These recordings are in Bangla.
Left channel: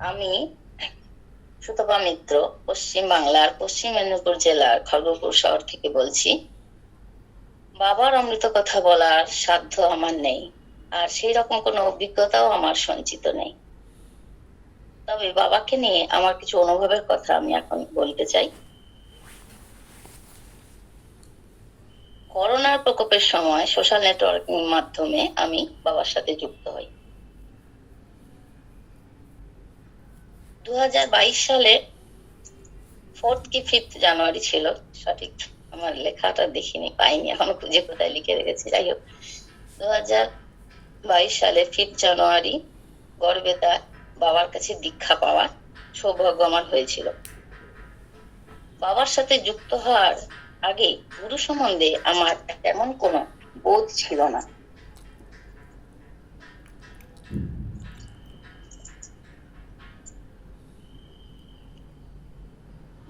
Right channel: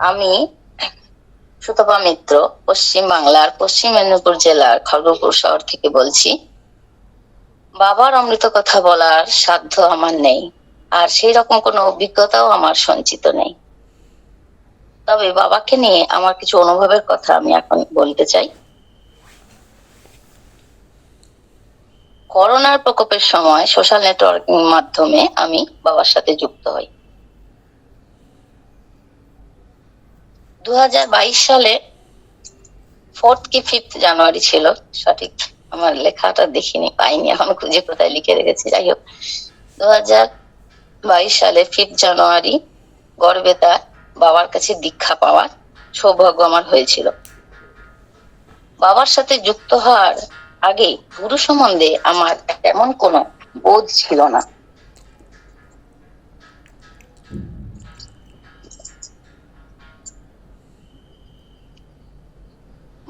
আমি সুতপা মিত্র, পশ্চিম বাংলার পশ্চিম মেদিনীপুর জেলার খড়গপুর শহর থেকে বলছি। বাবার অমৃত কথা বলার সাধ্য আমার নেই, আর সেই রকম কোনো অভিজ্ঞতাও আমার সঞ্চিত নেই। তবে বাবাকে নিয়ে আমার কিছু অনুভবের কথা আমি এখন বলতে চাই। করোনার প্রকোপের সময় সোশ্যাল নেটওয়ার্কিং মাধ্যমে আমি বাবার সাথে যুক্ত হই। দু হাজার বাইশ সালে ফোর্থ কি ফিফথ জানুয়ারি ছিল, সঠিক আমার লেখাটা দেখিনি, পাইনি, এখন খুঁজে কোথায় লিখে রেখেছি, যাই হোক। দু বাইশ সালে ফিফথ জানুয়ারি গড়বেতা বাবার কাছে দীক্ষা পাওয়ার সৌভাগ্য আমার হয়েছিল। বাবার সাথে যুক্ত হওয়ার আগে গুরু সম্বন্ধে আমার তেমন কোনো বোধ ছিল না।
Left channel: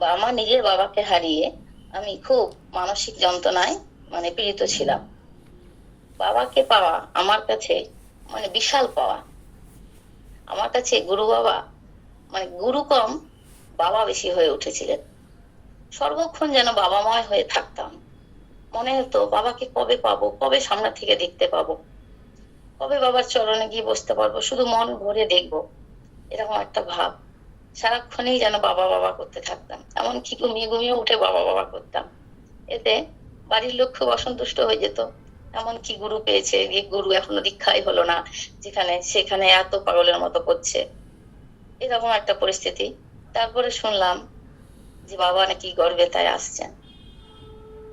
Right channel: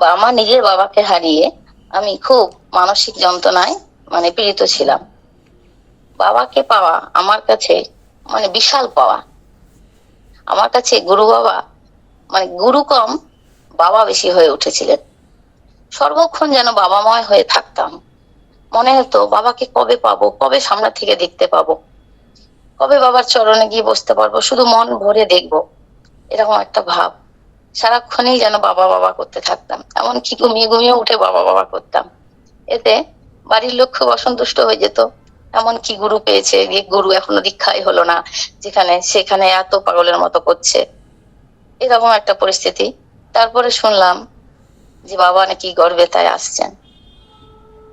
আমার নিজের বাবাকে হারিয়ে আমি খুব মানসিক যন্ত্রণায় মানে পীড়িত ছিলাম। বাবাকে পাওয়া আমার কাছে মানে বিশাল পাওয়া। আমার কাছে গুরু বাবা মানে গুরু কম, বাবা বেশি হয়ে উঠেছিলেন। সর্বক্ষণ যেন বাবাময় হয়ে থাকতাম। মনে হতো, বাবাকে কবে পাবো, কবে সামনে থেকে দেখতে পাবো? কবে বাবার চরণে গিয়ে বসতে পারব? শুধু মন ভরে দেখব। এরকম একটা ভাব। সারাক্ষণই যেন বাবা বাবা করতে থাকতাম। এমনকি ঘুমিয়ে ঘুমিয়ে উঠে বাবা বাবা করতাম। এতে বাড়ির লোক খুব অসন্তুষ্ট হয়ে যেত। এমন কি গুরু পেয়েছে গুরু এখনও দীক্ষাই হলো না, যেখানে সেখানে এত পাগলের মতো করছে। এরকম একটা পরিস্থিতি। তারপরে শুনলাম যে বাবা নাকি গর্বে তাই আসছেন।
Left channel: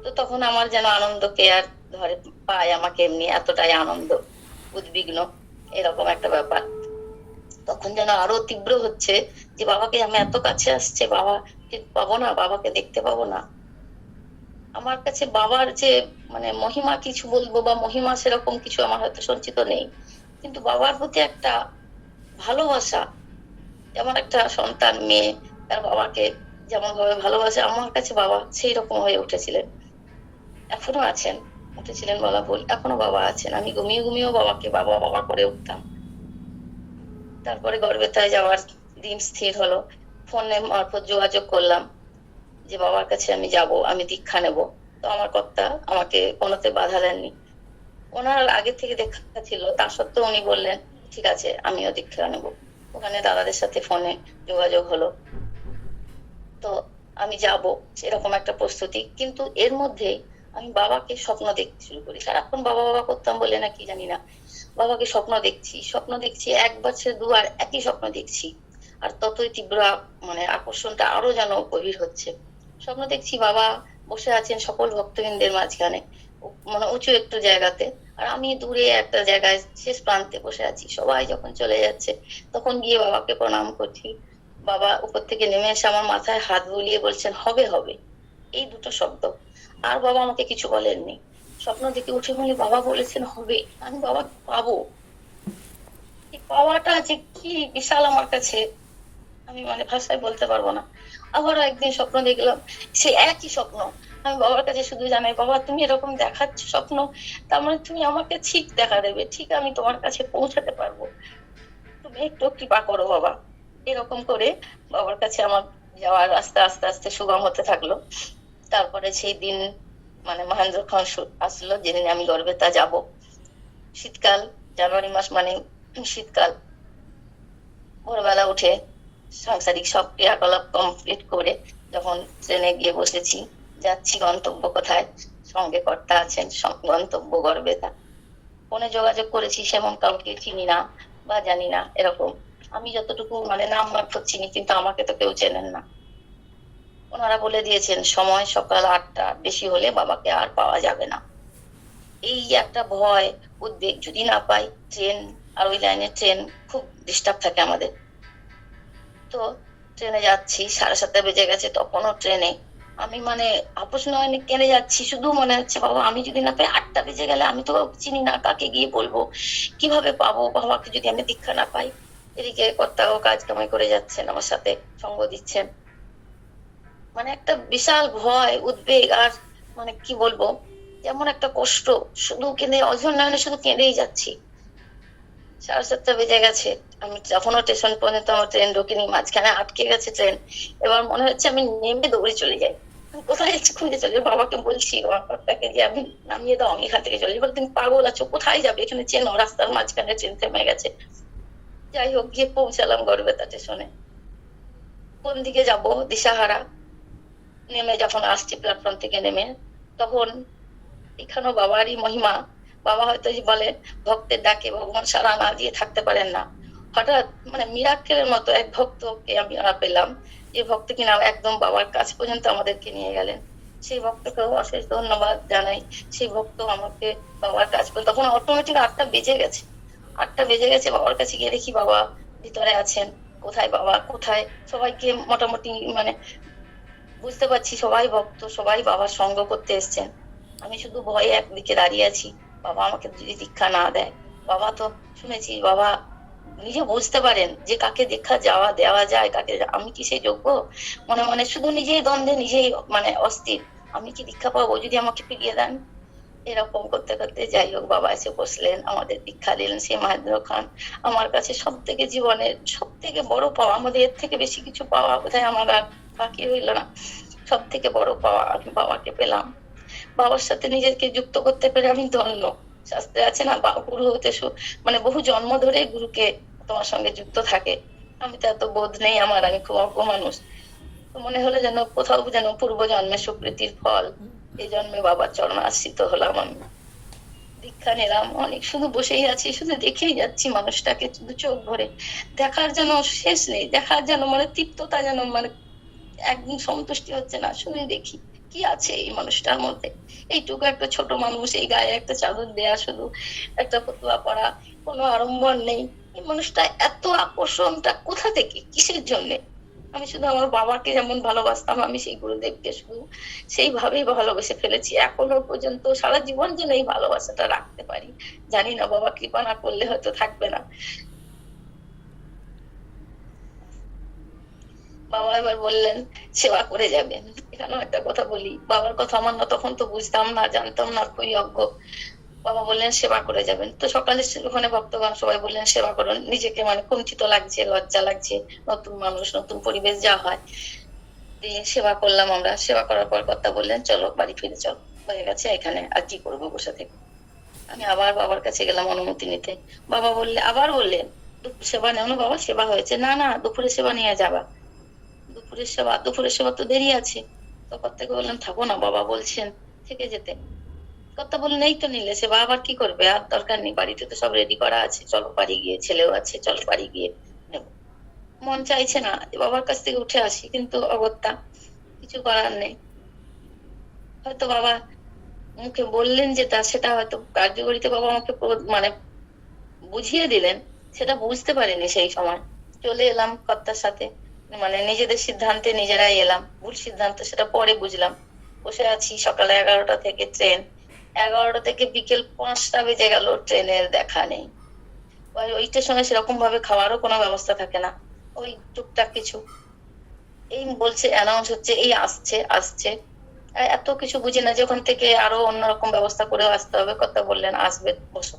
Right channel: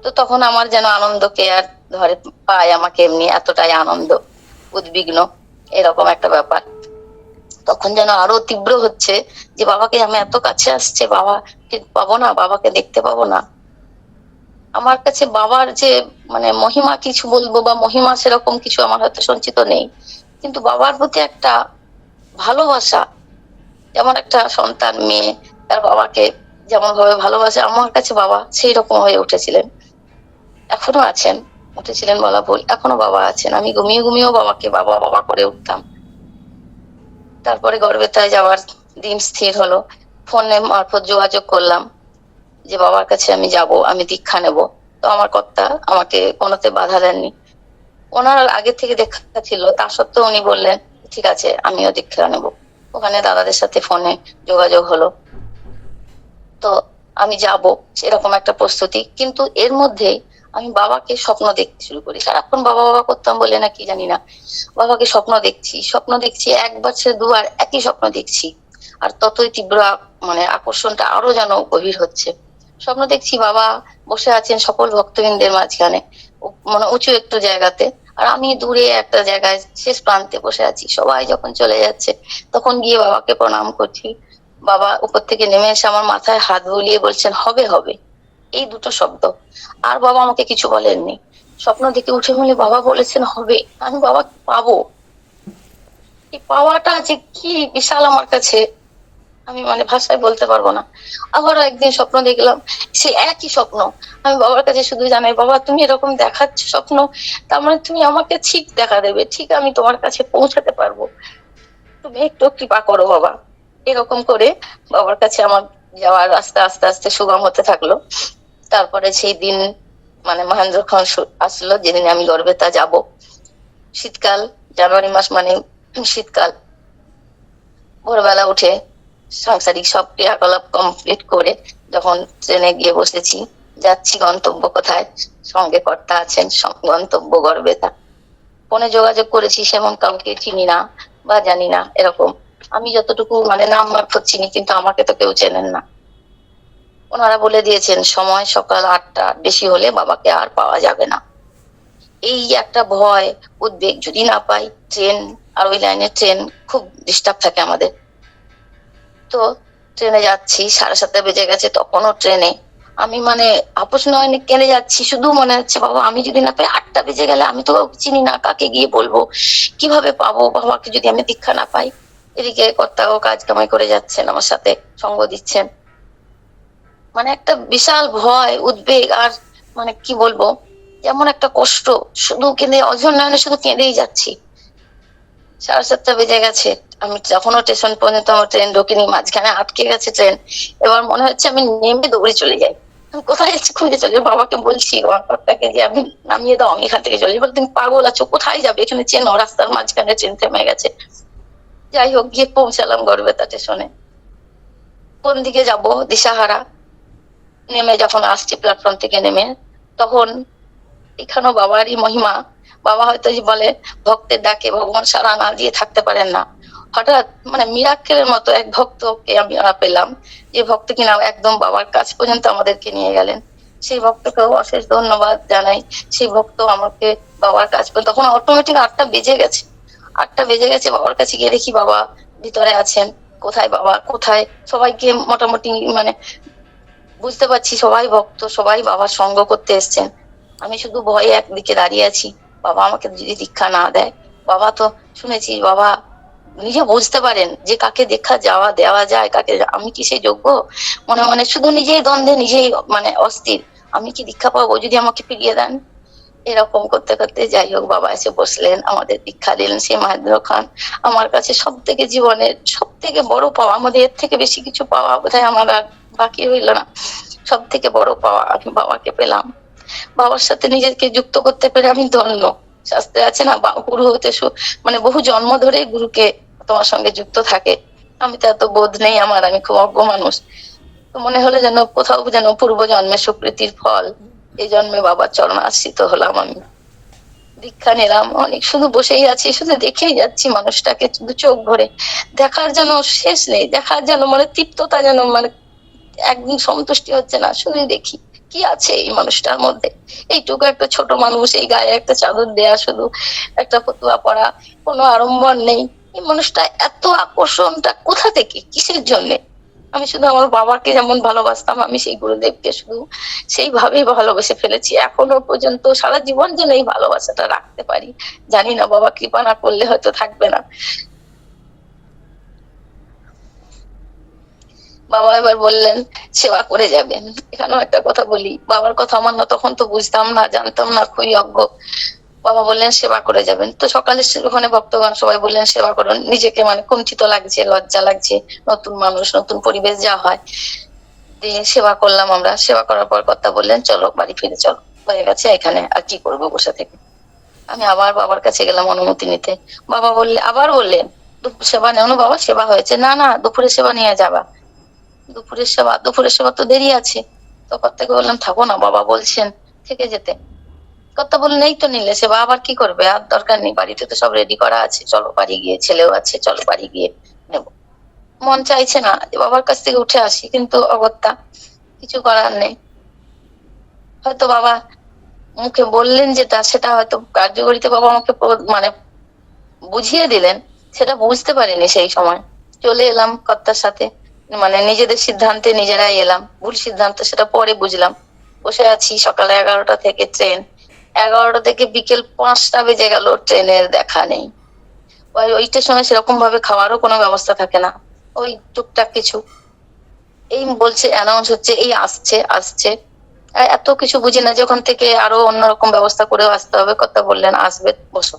তো তখন আমার যেন আনন্দকে আর ধরে পায় আমাকে এমনি এতটাই আনন্দ, উদ্বিগ্ন, এরকম একটা ব্যাপার। তখন যেন আরও তীব্র হচ্ছে যে, বাবাকে আমি এত কাছে আসছে, বাবাকে পাবো না, বাবাকে দেখতে পাবো না। আমার কাছে বাবার যে মানে মহিমা কিছু বলব বা মহিমা সেরকম কিছু আমার হয়তো সঞ্চিত নেই। কিন্তু বাবার প্রতি একটা ভালোবাসা, যেমন একটা সন্তান মেয়ে, তার বাবাকে যেমন ভাবে ভালোবাসে, আমার কাছে বাবা সেই রকম হয়ে উঠেছিলেন। এখনও আছেন, উঠেছিলেন বলা ভুল, এখনও বাবা আছেন। আমি ঘুমিয়ে ঘুমিয়েও বাবাকে, বাবা বাবা করে উঠতাম। তারপরে গর্বেতায় যাওয়ার দিন স্থির হলো। ফোনে মারফত যোগাযোগ করলাম যে, বাবার কাছে আমি যাব, আমি দীক্ষা নেব। তো আমার কর্তা আমাকে কোনোতে বাধা দেননি। ওনার আগে থেকে দেখা ছিল, তা সত্ত্বেও উনি বললেন, ঠিক আছে, আমিও দীক্ষা নেব। ওখানে দাদাদের সাথে ফোনে যোগাযোগ হলো। তো আমি যাব সেরকম একটা প্রস্তুতি। কিন্তু এর মধ্যে আমি বাবাকে স্বপ্ন দেখতে শুরু করি। সারাক্ষণ বাবা বাবা করতাম বলে না কি জানি না। বাবাকে স্বপ্ন দেখছি। স্বপ্ন দেখছি, একবার সে দুবার একই স্বপ্ন দেখছি। আর ততই তীব্র মানে আকর্ষণটা আরও যেন গভীর হচ্ছে। স্বপ্ন দেখছি বাবা বসে আছেন সকল ভক্তবৃন্দের মাঝখানে মানে উঁচু একটু জায়গাতে। আর আমি দূরে একটা জায়গায় শেষ প্রান্তে বসে আছি। সবাই যখন চলে যাচ্ছে, তখন গিয়ে বাবাকে প্রণাম করছি। বাবা উপর থেকে নেমে এসে আমার মাথায় হাত বুলিয়ে বলছেন, হবে হবে। এই দুটো শব্দ। আর বাবা আমাকে কিছু বলেননি। স্বপ্ন দেখে উঠে বলে বাবা বলেছেন হবে। আমি বাবা পাবো। এই পাওয়াটা যে কি বিশাল আমার কাছে। আমি মানে ভাষায় বলতে পারব না। আবারও একদিন স্বপ্ন দেখলাম, সে একই স্বপ্ন। আমি বাবার কাছে শুধু জানাই, বাবা, তুমি এরকম দেখাচ্ছ স্বপ্ন, তার মানে তুমি আমাকে ঠিক দেখা দেবে। ঠিক আমি তোমার কাছে পৌঁছাতে পারব। তুমি একটু কৃপা করো বাবা। এরকম করে বাবার কাছে আমার যাওয়ার রাস্তা আস্তে আস্তে সুগম হতে থাকল। তারপরে সেই দিন মানে মহেন্দ্র সু- আসলো, যেদিন আমি গর্বেতা যাব। শীতকাল, জানুয়ারি মাস মানে শীতকাল। ভোরবেলা উঠে সাংসারিক সব ক্রিয়াকলাপ কমপ্লিট করে যখন ট্রেনে গিয়ে বসেছি, যাচ্ছি গন্তব্য কোথায়? সঙ্গে কর্তা আছেন গন্তব্য গর্বেতা ফোনে যোগাযোগ করেছি, সেমন কাউকে চিনি না বা জানি না, এরকম। আমি যতটুকু মানে নাম মারফত চিনি, কিন্তু আমাকে তো কেউ চেনেন না। ওনারা বলে দিয়েছেন, সময় সকাল আটটা বেশি হলে বাবাকে আর পাওয়া যাবে না। এই একটা ভয়, উদ্বেগ, যদি না পাই, ট্রেন আর ওই লাইনে ট্রেন খুব ডিস্টার্ব থাকে আমাদের। তো ট্রেনে যাচ্ছি, সাড়ে সাতটা বেজে গেছে তখনও ট্রেনে। আমি মানে আপোষ নয় কেনে যাচ্ছি? শুধু মনে হচ্ছে, বাবা, আমি যদি না পাই, আটটা বেজে গেলে আমি তো চিনি না কাকে গিয়ে বলব। কীভাবে পাবো? বাবাকে যদি আমি দীক্ষা না পাই? এদিকে কর্তাও কাজ কামাই করে যাচ্ছেন আমার সাথে, সঙ্গ দিচ্ছেন। মানে একটা বিশাল ভয়, উদ্বেগ আর মানে কি বলব যেমন একটা কষ্ট। শুধু কেঁদে, অঝর শুধু কেঁদেই যাচ্ছি। সাড়ে সাতটা বেজে গেছে। আমি তখনও স্টেশন পর্যন্ত আমার ট্রেন ঢোকেনি, মাঝখানে আটকে গেছে ট্রেন এবার মনে হচ্ছে আমি নেমে দৌড়ে চলে যাই। আমি কোথায় যাচ্ছি খুঁজে চলে বাবাকে বলছি পাপাকে যে আমি নামিয়ে দাও, আমি এখান থেকে চলে যাই তুমি পাগল আছো, কোথায় যাবে? এখানে চেনো রাস্তার মাঝখানে ট্রেন থেমে গেছে। যাই হোক, গিয়ে পৌঁছালাম গড়বেতা স্টেশনে কোন দিকে যাব? দিশাহারা। নেমে যখন আসছি প্ল্যাটফর্ম থেকে নেমে, তখন এখানেও বাবারই মহিমা। বাবা হয়তো যে বলে, ভক্তের ডাকে ভগবান সারা না দিয়ে থাকতে পারেন না। হঠাৎ মানে মিরাক্কেলের মতো এক ভক্তকে আমি পেলাম, যে ভক্ত কিনা একদম বাবার কাছ পর্যন্ত আমাদেরকে নিয়ে গেলেন। সেই ভক্তকেও অশেষ ধন্যবাদ জানাই। সেই ভক্ত আমাকে বাবার কাছ পর্যন্ত, তখন অটোমেটিক আটটা বেজে গেছে। আটটা বেজে গেছে, বাবার কাছে গিয়ে দেখি বাবা ভিতরে আছেন। কোথায় বাবা? কোথায়? সবাইকে মোটামুটি মানে বুঝতে পারছি সবাই ভক্ত, সবাই বাবার সঙ্গ করতে এসছেন। আমি শুধু ভয়ে একদিকে দাঁড়িয়ে আছি। বাবা আমাকে যদি দীক্ষা না দেয়। বাবা তো শুনেছি, বাবা নিজে বুঝতে পারেন যে কাকে দেখা যাওয়া, দেওয়া যায়, কাকে আমি কি সেই যোগ্য? মনে মনে শুধু নিজেই দ্বন্দ্বে, নিজেই মানে অস্থির। আমি কি দীক্ষা পাবো যদি আমাকে ফিরিয়ে দেন? এরকম করতে করতে যাই হোক, বাবা এসে বসলেন, আমাদের দীক্ষা দিলেন সেই মাহেন্দ্র খান। আমার কাছে সব থেকে জীবনের সব থেকে বড় পাওয়া, আমাদের এর থেকে বেশি কিছু পাওয়া বোধহয় আমার বাকি হইল না। সব থেকে বড় পাওয়া আমি বাবাকে পেলাম। বাবার সাথে নিজেকে যুক্ত করতে পেরে আমি ধন্য। শাস্ত্রে আছে না গুরু হতে মানে বহু জন্ম ধরেই গুরুকে তোমার সঙ্গে যুক্ত থাকে। আমি তো এত বোধ নেই আমার, আমি খুব অজ্ঞ মানুষ। তো মনে হলো যেন কোথাও যেন পূর্ব জন্মে সুকৃতির ফল। এই জন্মে বাবার চরণ আশ্রিত হলাম আমি। দীক্ষা নিলাম, অনেক শুধু বসেই আছি, শুধু দেখেই যাচ্ছি মানুষটাকে, শুধু চোখ ভরে। দেখার যেন শেষ নেই, দেখার যেন মানে তৃপ্ততা যেন মানে একদম সন্তুষ্টি হচ্ছে না শুধু দেখি কি আছে এই মানুষটার মধ্যে। এইটুকু একটা ছোট মানুষ, এই গায়ে একটা চাদর দেয়া শুধু, একটা ফতুয়া পড়া কোনো আড়ম্বর নেই। এই মানুষটা এত আকর্ষণটা কোথা থেকে, কিসের জন্য? আমি শুধু আমার বাবাকে যেমন ভালোবাসতাম, আমি সেই গুরুদেবকে শুধু সেইভাবেই ভালোবেসে ফেলেছি। এখনও পর্যন্ত সারা জীবন যেন এই ভালোবাসাটা রাখতে পারি। জানি না বাবা কৃপা না করলে হয়তো থাকবে না। বাবা এবার বললেন, সেবা করে যাবেন। এখানেও একটা কথা বলি, বাবার কথা আমার না তখন তো বুঝতাম না, জানতাম না, খুবই অজ্ঞ। বাবা বললেন, সেবা করে যাবেন। তো সকালে ওখানে ভক্তগণ সবাই বললেন, সেবা করুন। নিজেকে মানে কুঞ্চিত লাগছে, লজ্জা লাগছে, নতুন মানুষ, নতুন পরিবেশ যা হয়। দিয়ে সেবা করলাম আমরা, সেবা করার পর কথা বললেন, চলো, বাড়ি ফিরে চলো। হয়ে গেছে, এখানে আর কি করব বসে থেকে। আমি আবার বাবার কাছে গেলাম অনুমতি নিতে। বাবা বললে, আবার বললেন সেবা নেও না বাবা, সেবা হয়েছে। না না, দুপুরে সেবা নিয়ে যাবা। দুপুরের সেবা দুপুরের সেবা তো দেরি আছে। তো থেকে বললাম, থাকো না, বাবা বলছেন থেকে যেতে। কথা বললেন, এই তো নিলে, সেবা আবার কি করবে? আর দরকার নেই, বাড়িতে তো সব রেডি করা আছে। চলো বাড়ি গিয়ে, ছেলেও আছে, চলো বাড়ি গিয়ে নেব। মন চাইছে না বাবার কাছ থেকে উঠে আসি, কিন্তু অগত্যা কিছু করার নেই। হয়তো বাবা মুখে বললেন যেটা সেটা হয়তো কার্যকরিতে বাবা আমাকে মানে বুঝিয়ে দিলেন, সেটা বুঝতে পারিনি সেই সময়। চলে এলাম কর্তার সাথে। মানে নিজেদের সিদ্ধান্তে নিজেরাই এলাম। ভুল সিদ্ধান্ত সেটা পরে বুঝলাম। বসে আছি সকালে এগারোটা থেকে ট্রেন এগারোটা থেকে বিকেল পাঁচটা বেজে গেল ট্রেনের দেখা নেই। ওই স্টেশনে সেরকম ভাবে খাওয়ারও কোনো ব্যবস্থা থাকে না। ওই টুকটাক কিছু। এই বলছে অ্যানাউন্স হচ্ছে, এই আসছে আসছে। এত কিছু বুঝি না যে ওখান থেকে আরও অন্যরকম ব্যবস্থা করেও আসতে হবে। কথা বললেন, আসবে, বসো।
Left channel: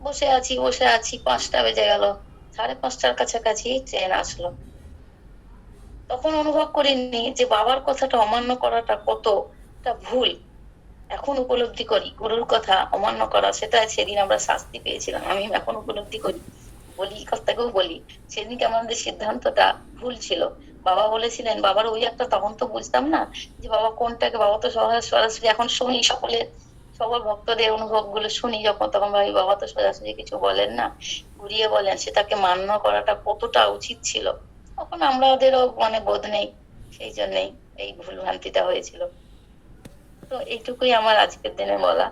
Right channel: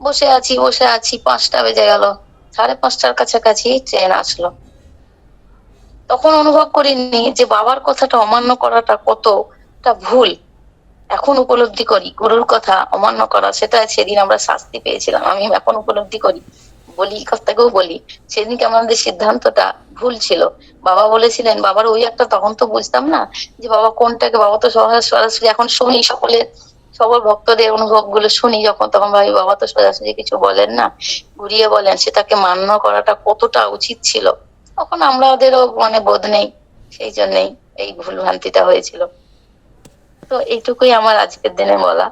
বসে আছি বসে আছি, পাঁচটা বেজে গেল। সাড়ে পাঁচটার কাছাকাছি ট্রেন আসলো। তখন অনুভব করিনি যে বাবার কথাটা অমান্য করাটা কতটা ভুল। এখন উপলব্ধি করি, গুরুর কথা অমান্য করা, সেটা সেদিন আমরা শাস্তি পেয়েছিলাম, আমি এখন উপলব্ধি করি। বলি কথাকেও বলি, সেদিনকে আমাদের সিদ্ধান্তটা ভুল ছিল। বাবা বলেছিলেন, বাবার ওই একটা, তখন তো বুঝতাম না যে বাবা কোনটাকে, বাবা তো সরাসরি এখন শুনি সকলের সবার ভক্তদের অনুভবগুলো শুনি যখন, তখন ভাবি, বাবা তো সরাসরি কিছু বলেন না। ঘুরিয়ে বলেন, সেটাকে মান্য করাটা কতটা উচিত ছিল। তখন আমরা ওদেরও মানে বোধ নেই, সেই জন্যই এই ভুল ভ্রান্তিটা হয়েছিল। তো এইটুকুই আমার আজকের দিনে বলা।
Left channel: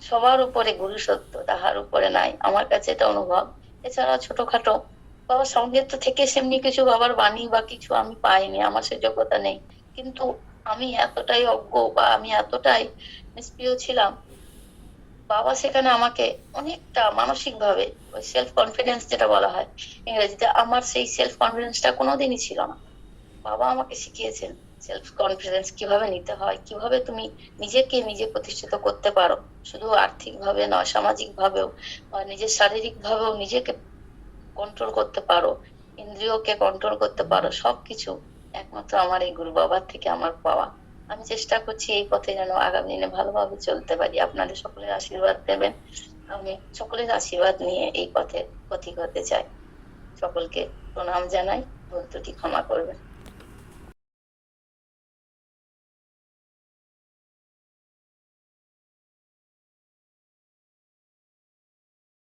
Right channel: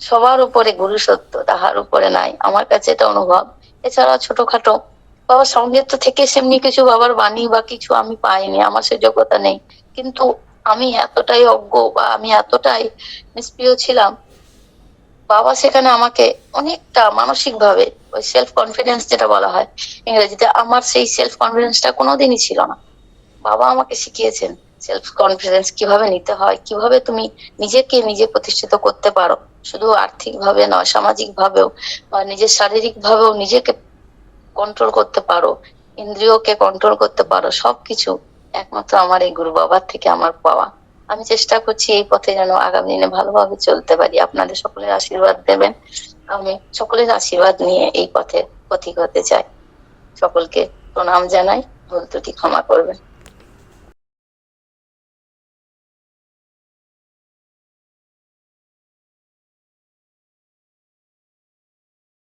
সবার উপরে গুরু সত্য, তাহার উপরে নাই। আমার কাছে এটা অনুভব। এছাড়া ছোটখাটো, বাবার সঙ্গে তো থেকে সেমনি কিছু বাবার বাণী বা কিছু আমি পাইনি, আমার সে যোগ্যতা নেই। কিন্তু আমি এতটাই অজ্ঞ বা আমি এতটাই নিষ্প্রিয় ছিলাম বাবা সেখানে আমাকে অনেকটা মানসিক ভাবে ওই সেলফ কনফিডেন্স যেটা বলা হয়, ইংরেজিতে আমার সেই সেলফ কনফিডেন্সটা কোনোদিনই ছিল না। বাবা আমাকে শিখিয়েছেন সেলফ কনফিডেন্স কীভাবে নিতে হয়, কীভাবে তুমি নিজেকে নিজে প্রতিষ্ঠিত করতে পারো। শুধু আর্থিক ভাবে নয় সামাজিক ভাবেও বা নিজের শারীরিক ভাবেও নিজেকে কন্ট্রোল করতে পারো, ইন্দ্রিয়কে কন্ট্রোল করতে পারো, সবকিছু একমাত্র আমার এই গুরু বাবার থেকে আমার পাওয়া। আমি চেষ্টা করছি এই পথে যেন আগামী দিনে ভালোভাবে চলতে পারি। আপনাদের সকলের আশীর্বাদ দেবেন। আমি সকলের আশীর্বাদ নিয়ে এই পথে পথিক হতে চাই। সকলকে প্রণাম জানাই। ভুল ত্রুটি ক্ষমা করবেন।